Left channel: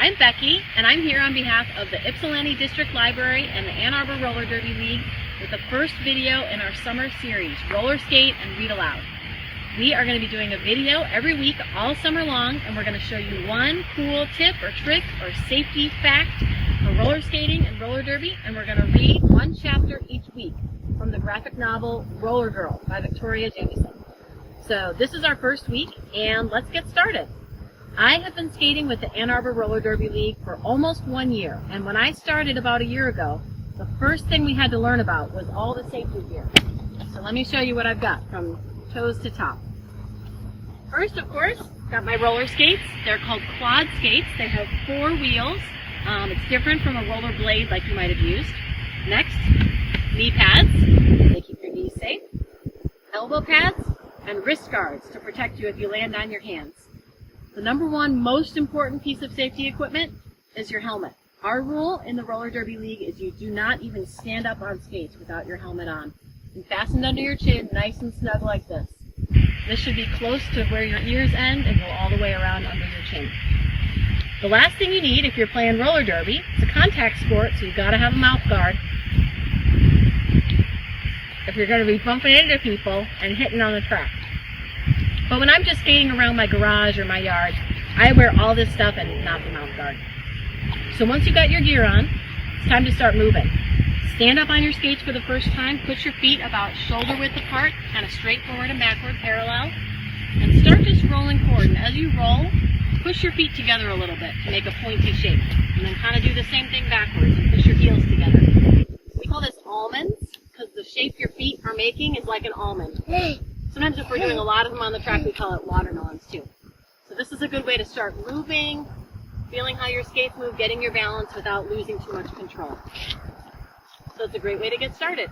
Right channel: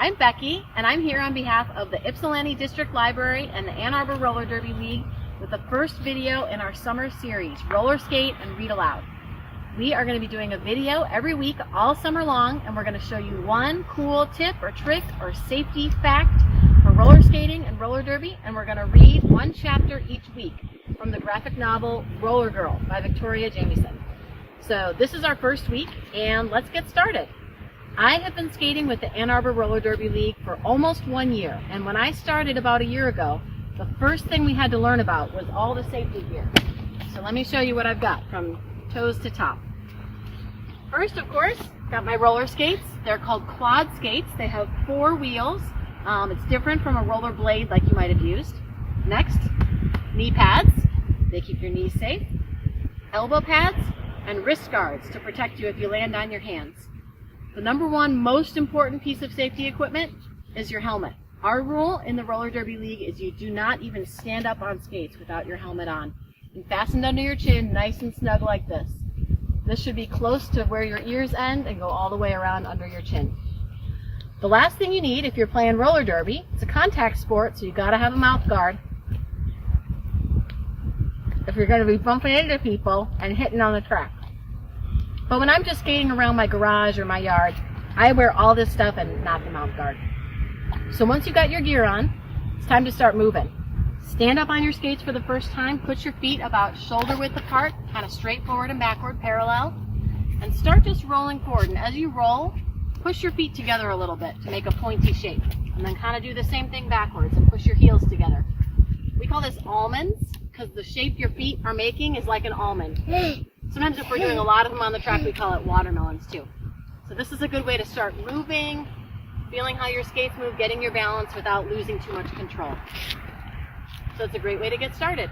I'm Becky, and I'm here on behalf of the Ypsilanti District Library and the Ann Arbor Roller Derby League with the first video in our summer series, Roller Skate and Read Aloud. We are going to be doing a video every week all summer long, and we're going to show you one cool tip or trick or safety fact for roller skating and roller derby, and we're going to read one chapter each week from the graphic novel Roller Girl by Jamieson. So this is our first week, and let's get started. I have been skating with the Ann Arbor Roller Derby League for almost 1 year, and when I started about a year ago, the first thing we had to learn about was all the safety gear. So let me show you what I've got from toes to top. First, of course, got my roller skates. They're called quad skates. They have 4 wheels. It's different from a roller blade like you might have used. Next, knee pads. They keep your knees safe. Elbow pads and wrist guards to protect you if you land on your hands. The number one most important piece of safety equipment is your helmet. Our rule in the Roller Derby League is you do not even stand up on skates without your helmet on and fastened under your chin, nice and snug like this. This should be close to where your ears end and go all the way around under your chin. The last thing you need if you're playing roller derby, it's a contact sport, so you've got to have a mouth guard if you're going to be bumping into people and hitting on the track. But when I'm just skating around my garage or my yard, I wear all this stuff and not the mouth guard. So once you've got your gear on, it's time to start moving. Stand up on your skates for the first time, put your feet about shoulder width apart, kind of straight forward and backward, parallel, and start just rolling forward. And as you roll, push your feet together a little bit to make a pointy shape. And then kind of do the same thing backwards and push your heels together. We call this almonds because the shape your feet are making is like an almond. Sometimes if we're doing a lot of them on the track, we call it watermelons too. So this is a good way to start moving, feeling how your skates move, getting your balance without losing too much control. So it's a great way to get started.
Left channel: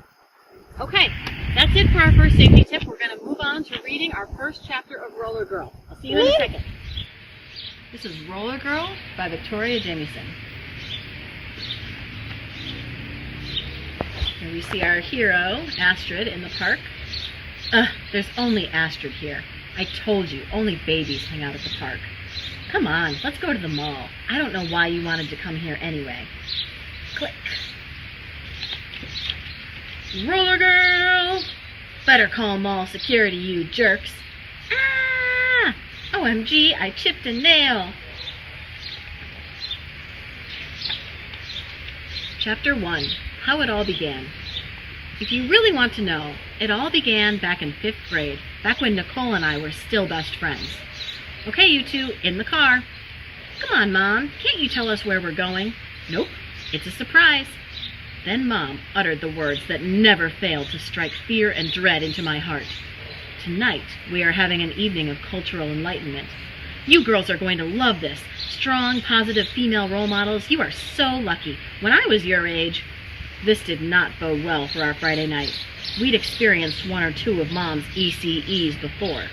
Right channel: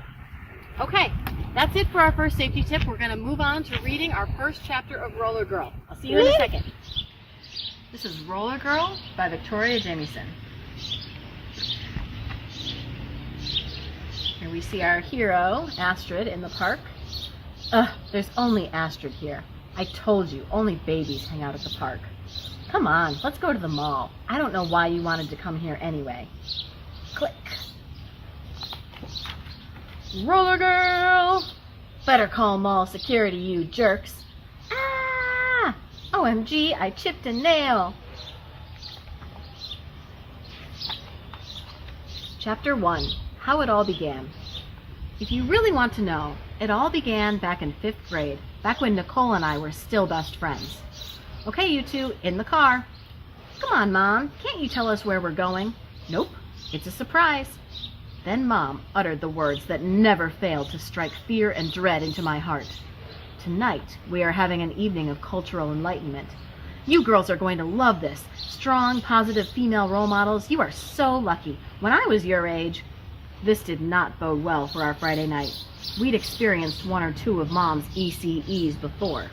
Okay, that's it for our first safety tip. We're going to move on to reading our first chapter of Roller Girl. I'll see you in a second. This is Roller Girl by Jamieson. Here we see our hero, Astrid, in the park. There's only Astrid here. I told you, only babies hang out at the park. Come on, let's go to the mall. I don't know why you wanted to come here anyway. Click. Roller Girl! Better call mall security, you jerks. Ah! OMG, I chipped a nail. Chapter 1, How It All Began. If you really want to know, it all began back in 5th grade, back when Nicole and I were still best friends. Okay, you two, in the car. Come on, Mom, can't you tell us where we're going? Nope, it's a surprise. Then Mom uttered the words that never failed to strike fear and dread into my heart. Tonight, we are having an evening of cultural enlightenment. You girls are going to love this. Strong, positive female role models. You are so lucky. When I was your age, this did not bode well for our Friday night. We'd experienced 1 or 2 of Mom's ECEs before.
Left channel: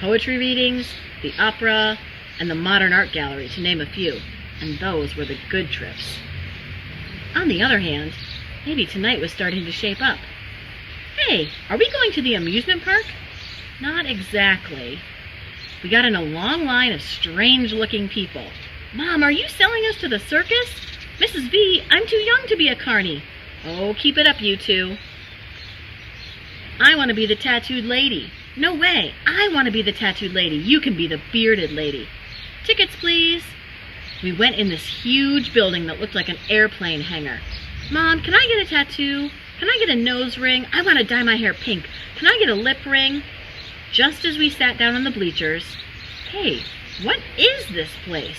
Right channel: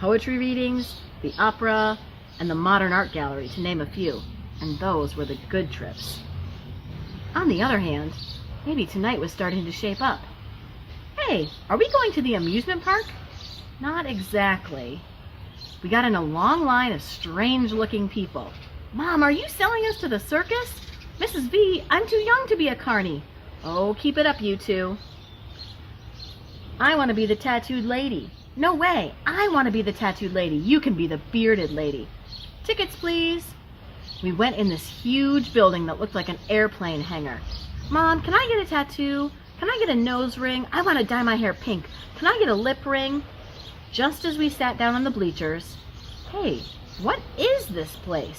Poetry readings, the opera, and the modern art gallery, to name a few. And those were the good trips. On the other hand, maybe tonight was starting to shape up. Hey, are we going to the amusement park? Not exactly. We got in a long line of strange-looking people. Mom, are you selling us to the circus? Mrs. V, I'm too young to be a carny. Oh, keep it up, you two. I want to be the tattooed lady. No way, I want to be the tattooed lady. You can be the bearded lady. Tickets, please. We went in this huge building that looked like an airplane hangar. Mom, can I get a tattoo? Can I get a nose ring? I want to dye my hair pink. Can I get a lip ring? Just as we sat down on the bleachers, hey, what is this place?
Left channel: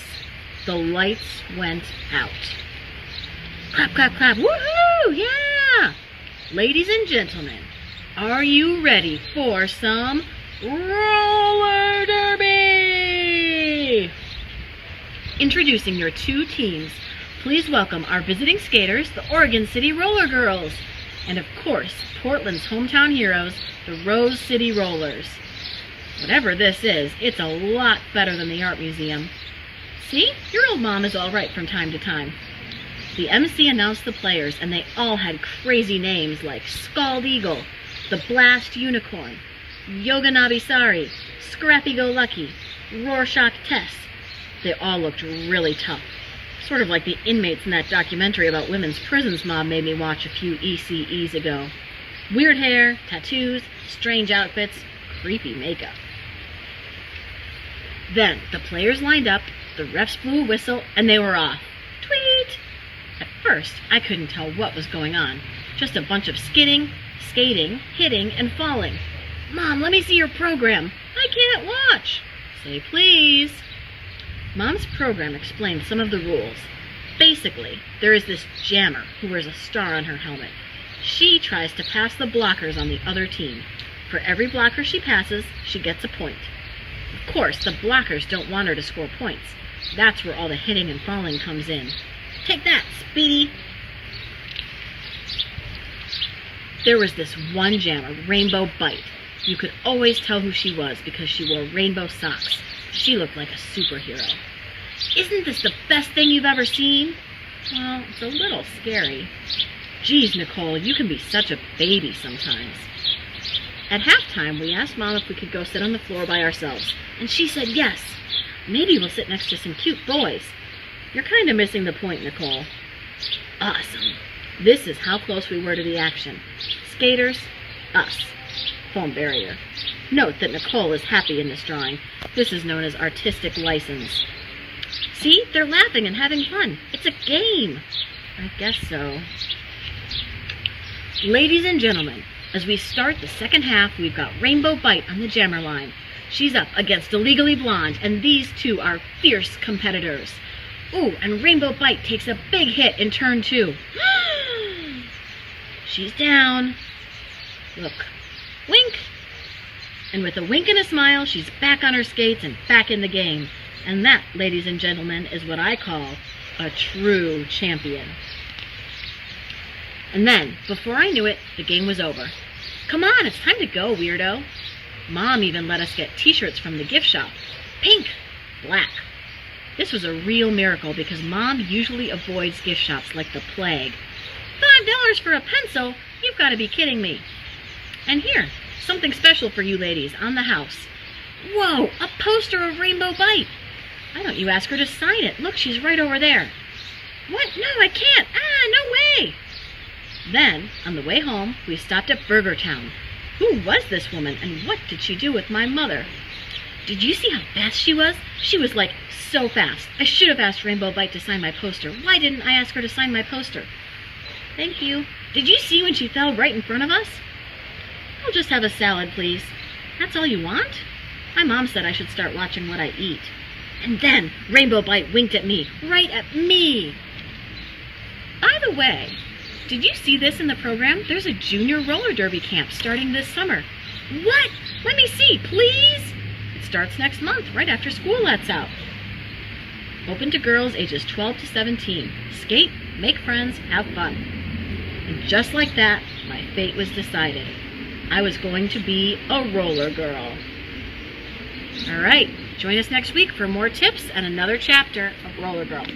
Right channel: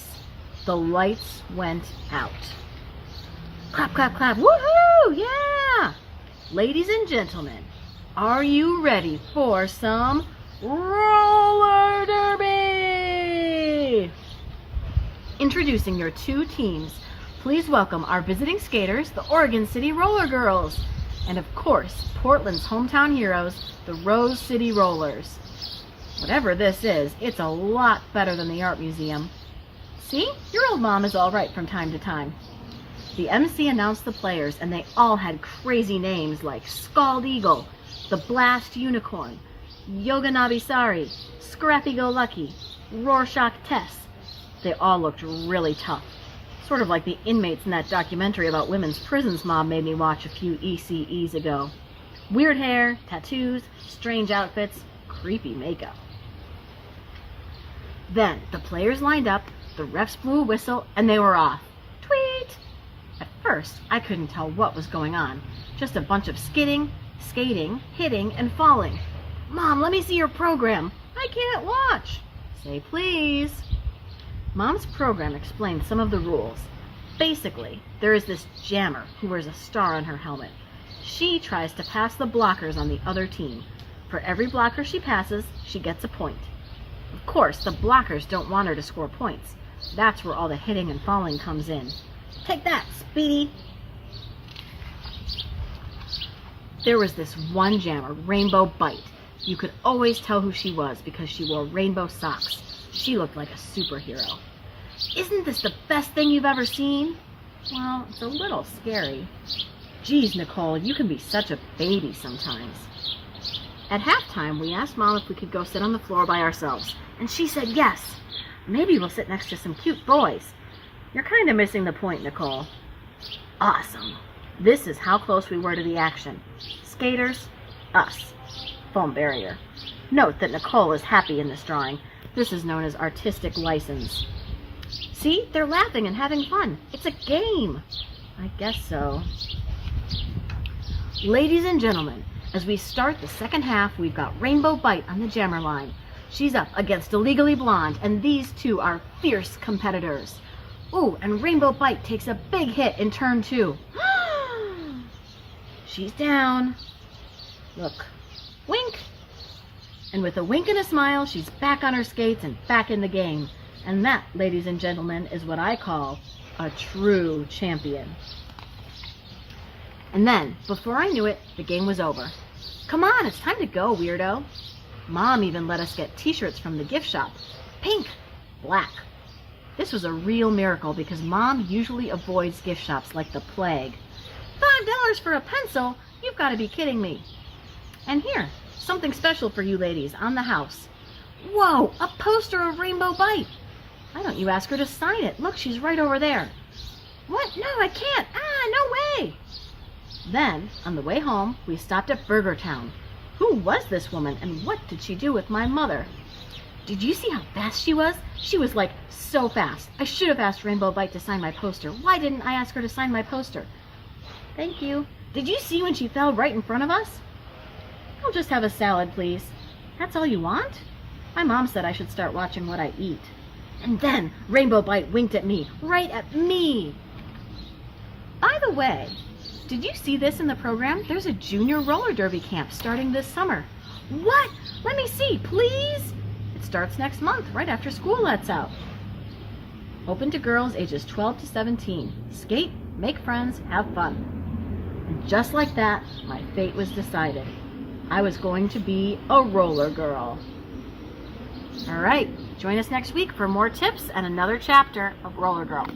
The lights went out. Clap, clap, clap. Woohoo! Yeah! Ladies and gentlemen, are you ready for some roller derby? Introducing your 2 teams, please welcome our visiting skaters, the Oregon City Roller Girls, and of course, Portland's hometown heroes, the Rose City Rollers. Whatever this is, it's a lot better than the art museum. See, your old mom is all right from time to time. The MC announced the players, and they all had crazy names like Scald Eagle, the Blast Unicorn, Yoga Nabisari, Scrappy Go Lucky, Rorschach Tess, They all looked really tough. Sort of like the inmates in that documentary about women's prisons Mom made me watch a few ECEs ago. Weird hair, tattoos, strange outfits, creepy makeup. Then the players lined up, the refs blew a whistle, and they were off. Tweet! At first, I couldn't tell what was going on. Just a bunch of skidding, skating, hitting, and falling. Mom, let me see your program. I can't watch. Say please. Mom's program explained some of the rules. Basically, there is this jammer who wears a star on her helmet. She tries to pass the blockers on the other team. For every blocker she passes, she gets a point. Of course, the blockers don't want her to score points. That's where all the hitting and falling comes in. Take that, Speedy! There was this one jammer, Rainbow Bite. You could always tell who she was because she wore rainbow socks. She looked like a superhero. Isn't this the best thing you've ever seen? Well, it's a little scary. Geez, Nicole, you can be such a baby sometimes. At halftime, we asked Mom if we could go sit on the floor by ourselves, and she said yes. Maybe we'll sit next to some cute boys. You're kind of missing the point, Nicole. Awesome. This is how close we were to the action. Skaters, us. Foam barrier. Note that Nicole is happy in this drawing. This is known as artistic license. See, they're laughing and having fun. It's a game. I guess so. Ladies and gentlemen, as we start the second half, we've got Rainbow Bite on the jammer line. She's up against Illegally Blonde, and these two are fierce competitors. Ooh, and Rainbow Bite takes a big hit in turn 2. She's down. Look. Wink. And with a wink and a smile, she's back on her skates and back in the game. And that, ladies and gentlemen, is what I call a true champion. And then, before I knew it, the game was over. Come on, it's time to go, weirdo. Mom even let us get t-shirts from the gift shop. Pink, black. This was a real miracle because Mom usually avoids gift shops like the plague. $5 for a pencil? You've got to be kidding me. And here, something special for you ladies on the house. Whoa, a poster of Rainbow Bite. Why don't you ask her to sign it? Look, she's right over there. What? No, I can't. No way. Then, on the way home, we stopped at Burger Town. Who was this woman, and what did she do with my mother? Did you see how fast she was? She was like so fast. I should have asked Rainbow Bite to sign my poster. Why didn't I ask her to sign my poster? Thank you. Did you see when she fell right in front of us? I'll just have a salad, please. That's all you want? My mom said I should start watching what I eat. And then Rainbow Bite winked at me. Right at me. By the way, did you see this in the program? There's a junior roller derby camp starting this summer. What? Let me see, please. It starts next month, right after school lets out. Open to girls ages 12 to 17. Skate, make friends, have fun. And just like that, my fate was decided. I was going to be a roller girl. All right, join us next week for more tips and another chapter of Roller Girl.